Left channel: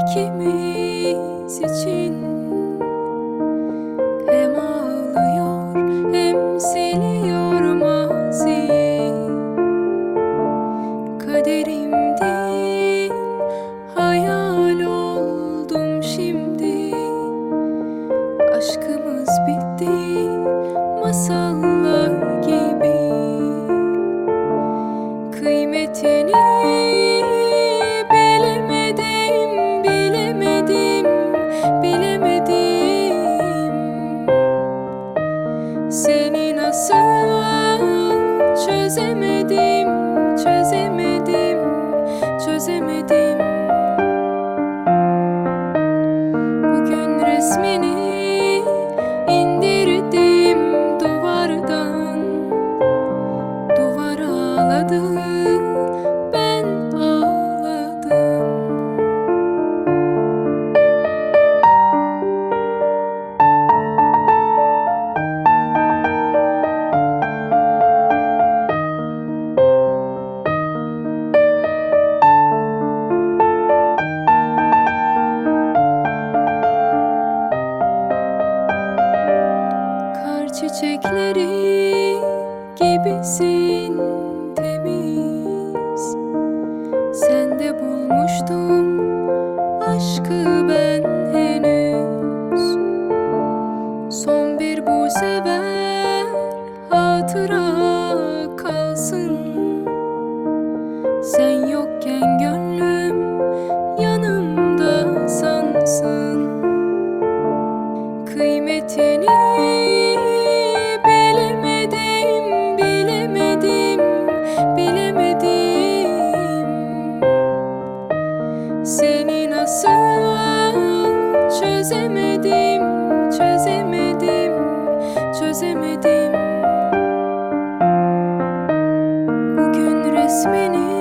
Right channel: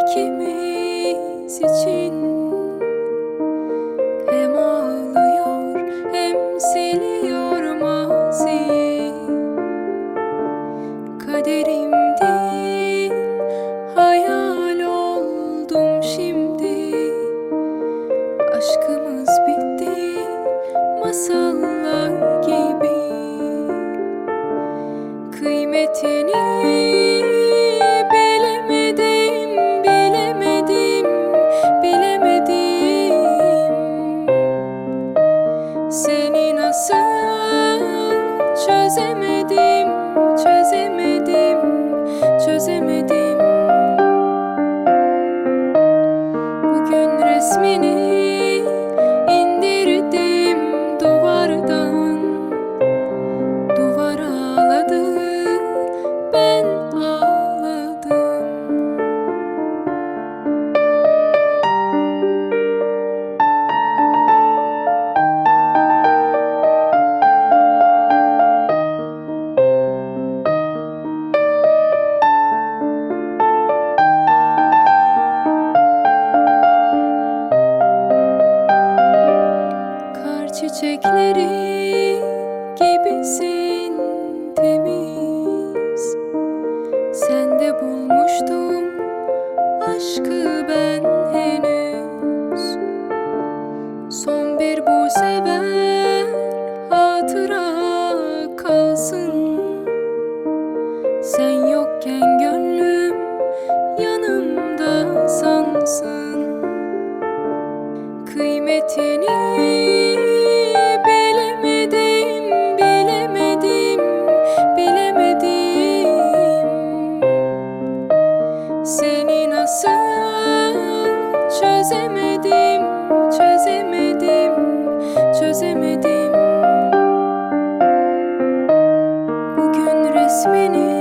ikimiz için. Hem ağlıyor hem siliyor maziyi. Kaderimdin, hayal oldum şimdi. Aşkımız bitti, masallar gibi. Kıymetini bilemedim, bilemedim, bilemedim. Seni nasıl çözemedim, çözemedim, çözemedim. Bugün resmini indirdim duvardan. Duvar ağladı, ben ağladım. Kar çiçekleri gibisin temiz. Sende bulmuştum aşkı ben henüz. Son bir bu sefer hatıra kalsın. Sen yokken gönlüm yanımda sansın. Kıymetini bilemedim, bilemedim, bilemedim. Seni nasıl çözemedim, çözemedim, çözemedim. Bugün resmini